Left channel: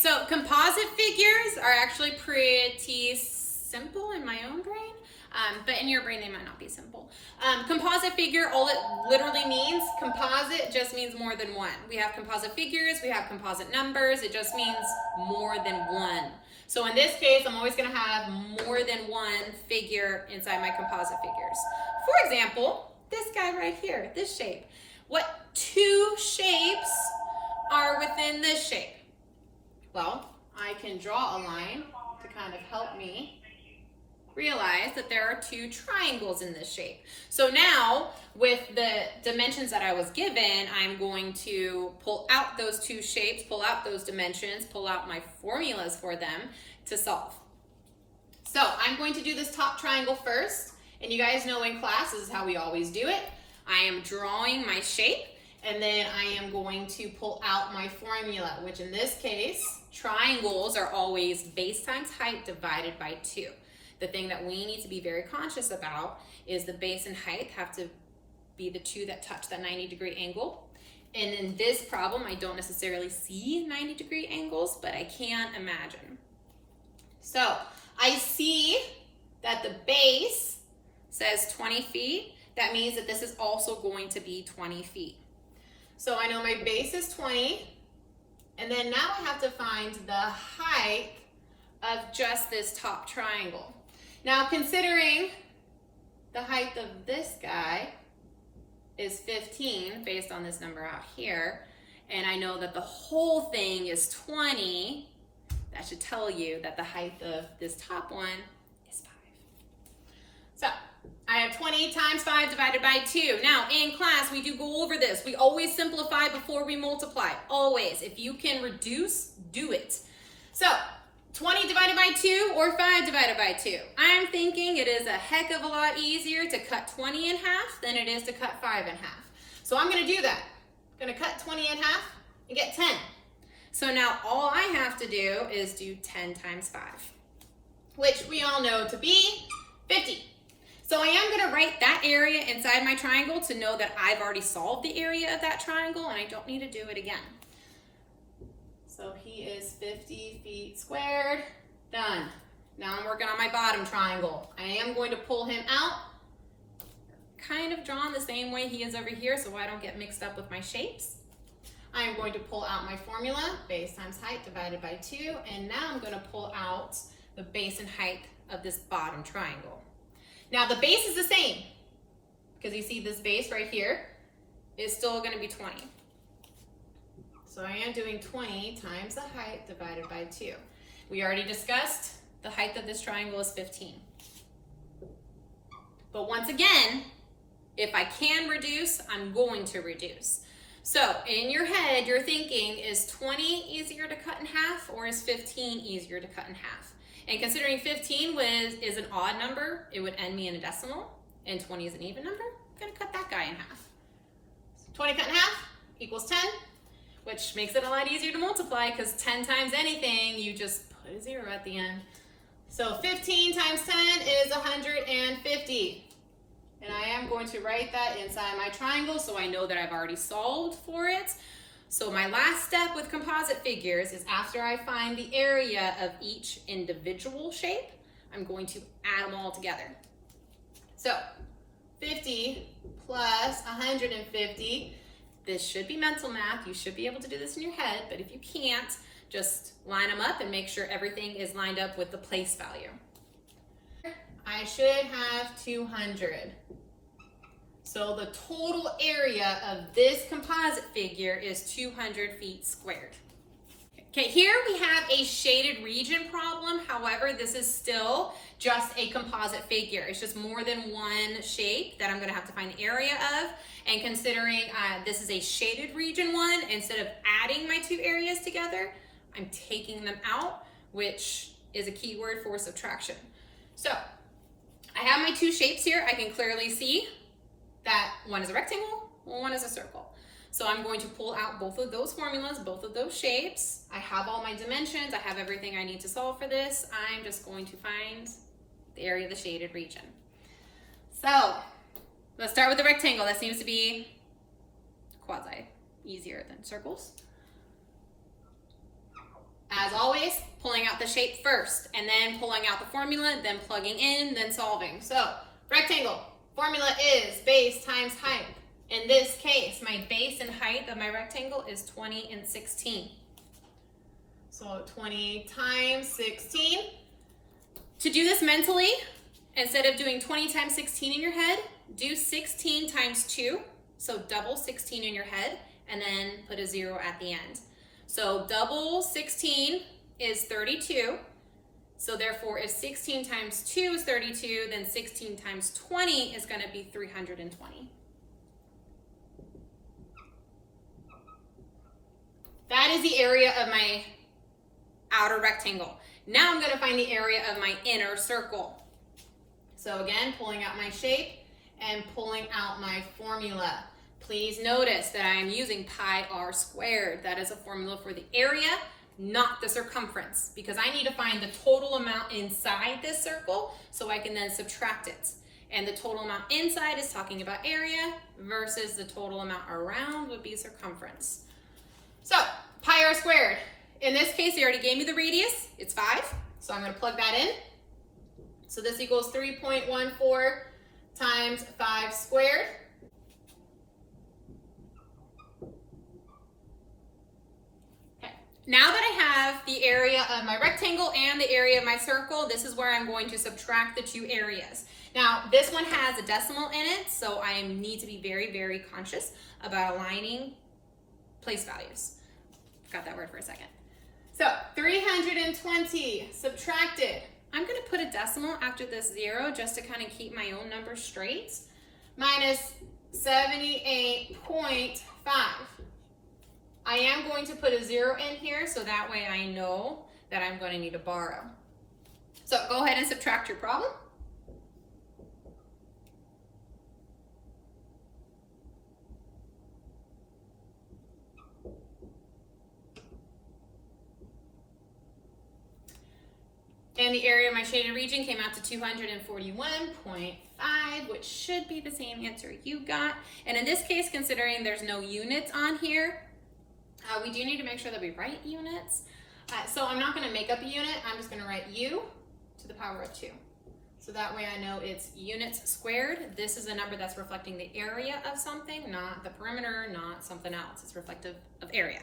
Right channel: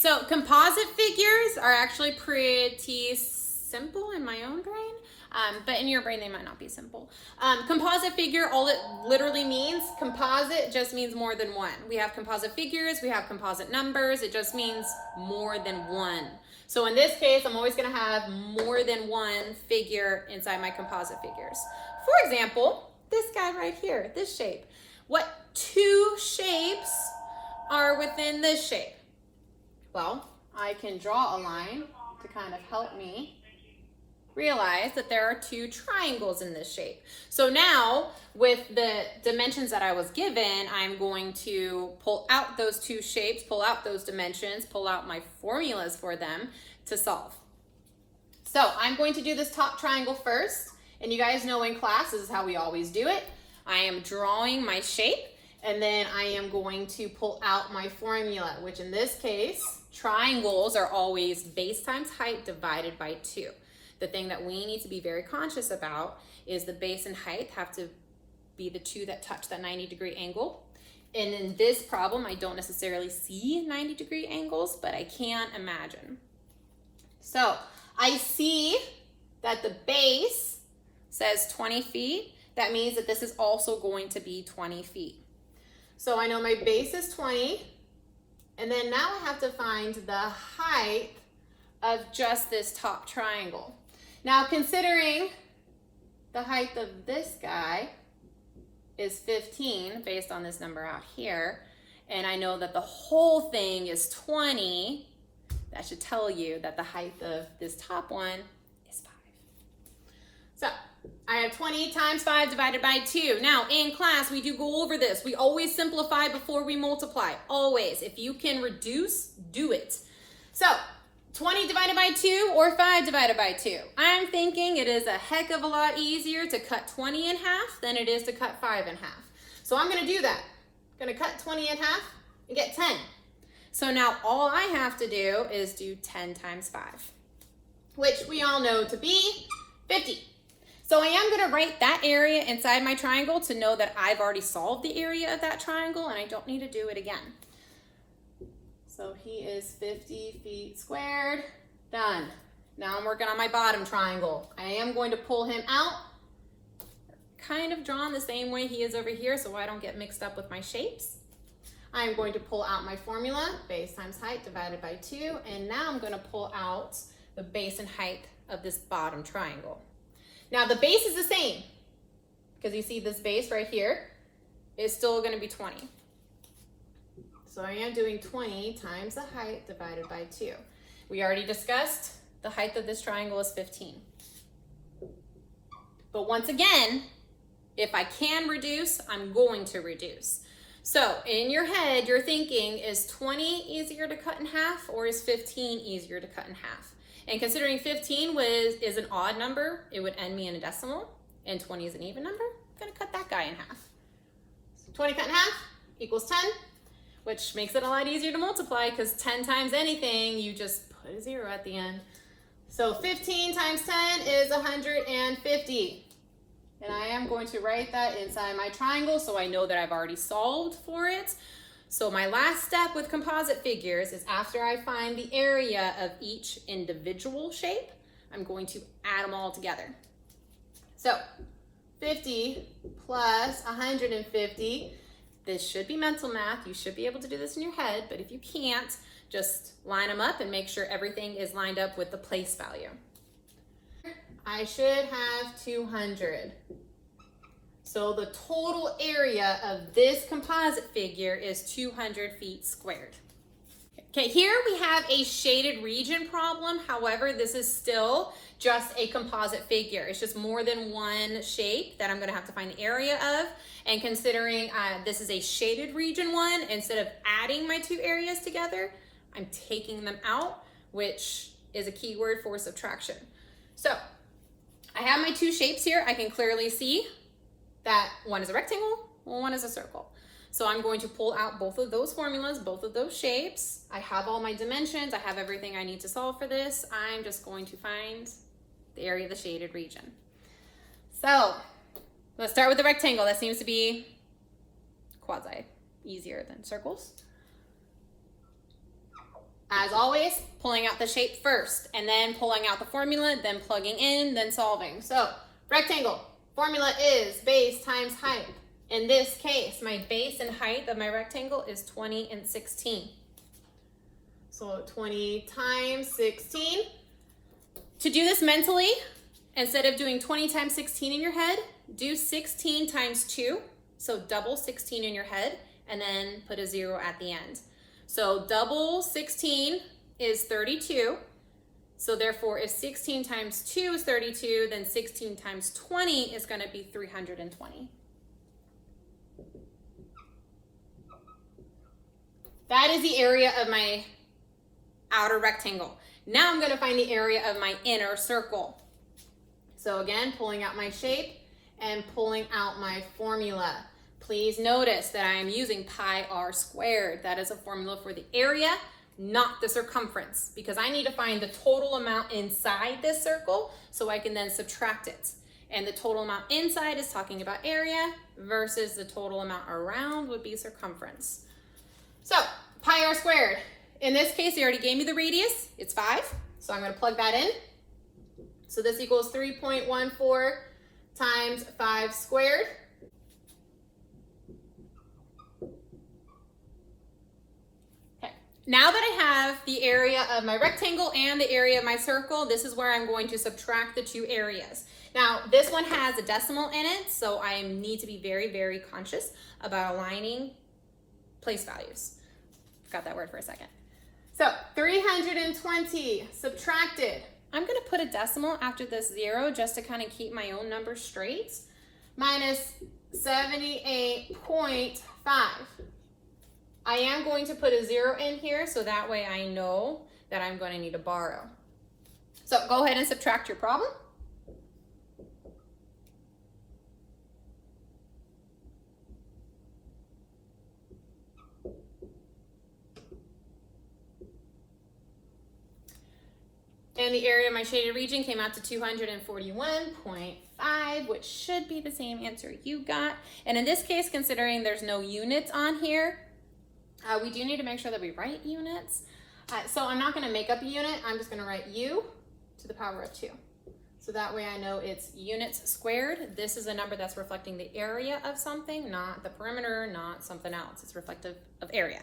so composite figures are actually pretty simple in my own brain, but in your brain they might not be simple. Composite figure, all it literally means, composite just means more than one. We have composite figures, we have composite numbers, it just means more than one. So in this case, I'm always gonna have more than one figure inside my composite figures. For example, this guy right here, this shape. What two shapes are within this shape? Well, I can draw a line to kind of help me realize that there are two triangles in this shape. So now, with the dimensions that I was given, I'm going to pull out those two shapes, pull out those dimensions, pull out my formulas for them to solve. So I'm going to do this top triangle first, and you guys know in class, this is how we always do it. I am drawing my shape, and then I am going to pull out my formula, which in this case, triangles are always base times height divided by 2. The thing that we need to be very conscious about is the base and height have to be the two that touch that 90-degree angle. And in this problem, I don't necessarily see 90-degree angles, but I can imagine. So I see that the base says 20 feet. That means that this is also going to be 20 feet. So I know my base is 20, and then now I have to find the height of just this top triangle. Now, considering the height of this guy is 15, based on this number out here, and I know that the whole thing is 20, that should tell you that the height of this top one is 5. So, I have 20 times 5 divided by 2. Now, in class, we do go over this. We always simplify before we multiply, always. If you can reduce, do it. So, 20 divided by 2 or 5 divided by 2. I'm thinking it is a heck of a lot easier to cut 20 in half than it is to cut 5 in half. So I'm gonna do that. I'm gonna cut 20 in half and get 10. So now all I have to do is do 10 times 5, which we all know to be 50. So I am gonna write that area inside my triangle to know that I've already solved the area of that triangle and I don't need to do it again. So he is 50 feet squared, done. Now I'm working on my bottom triangle. I am going to pull him out, kind of drawn the same way he is over here so I don't get mixed up with my shapes. I'm going to pull out my formula, base times height divided by 2, and now I'm gonna pull out the base and height of this bottom triangle. Now the base is the same, because you see this base right here is still gonna be 20. So I am doing 20 times the height divided by 2. We already discussed the height of this triangle is 15. But once again, if I can reduce, I'm going to reduce. So in your head, you're thinking, is 20 easier to cut in half or is 15 easier to cut in half? And considering 15 is an odd number, it would end me in a decimal, and 20 is an even number, I'm gonna cut that guy in half. So 20 cut in half equals 10. Which makes it a lot easier to multiply because 10 times anything, you just put a 0 at the end. So 15 times 10 is 150. And I am going to write that inside my triangle so I know that I've already solved for it. So my last step with composite figures is after I find the area of each individual shape, I'm going to add them all together. So 50 plus 150. This should be mental math. You should be able to do this in your head, but if you can't, just line them up and make sure everything is lined up with the place value. I should have 200. So the total area of this composite figure is 200 feet squared. Okay, here we have a shaded region problem. However, this is still just a composite figure. It's just more than one shape that I'm gonna have to find the area of. And considering this is a shaded region one, instead of adding my two areas together, I'm taking them out, which is a keyword for subtraction. So I have my two shapes here. I can clearly see that one is a rectangle, one is a circle. So I'm going to pull out both of those formulas, both of those shapes. I have all my dimensions. I have everything I need to solve for this. I'm just going to find the area of the shaded region. So let's start with the rectangle. That seems to be quasi easier than circles. As always, pulling out the shape first, and then pulling out the formula, then plugging in, then solving. So rectangle, formula is base times height. In this case, my base and height of my rectangle is 20 and 16. So 20 times 16. To do this mentally, instead of doing 20 times 16 in your head, do 16 times 2. So double 16 in your head, and then put a 0 at the end. So double 16 is 32. So therefore, if 16 times 2 is 32, then 16 times 20 is going to be 320. That is the area of my outer rectangle. Now I'm going to find the area of my inner circle. So again, pulling out my shape and pulling out my formula. Please notice that I am using pi r squared. That is a formula for the area, not the circumference, because I need to find the total amount inside this circle so I can then subtract it. And the total amount inside is talking about area versus the total amount around would be circumference. So pi r squared. In this case, he already gave me the radius. It's 5. So I'm going to plug that in. So this equals 3.14 times 5 squared. Okay. Now that I have the area of my rectangle and the area of my circle, this is where I'm going to subtract the two areas. Now, this one has a decimal in it, so I need to be very, very conscious about aligning place values. Forgot that word for a second. So 320 subtracted. I'm going to put a decimal after this 0 just to kind of keep my own number straight. Minus 78.5. I am going to put a 0 in here so that way I know that I'm going to need to borrow. So go ahead and subtract your problem. And the area of my shaded region came out to 241.5, which should be the same answer you got. And in this case, considering there's no units on here, we do need to make sure that we write units. So I'm not going to make up a unit. I'm just going to write u to the power of 2. So that way I know it's units squared. This is a number that's reflecting the area of something, not the perimeter, not something else. It's reflective of area.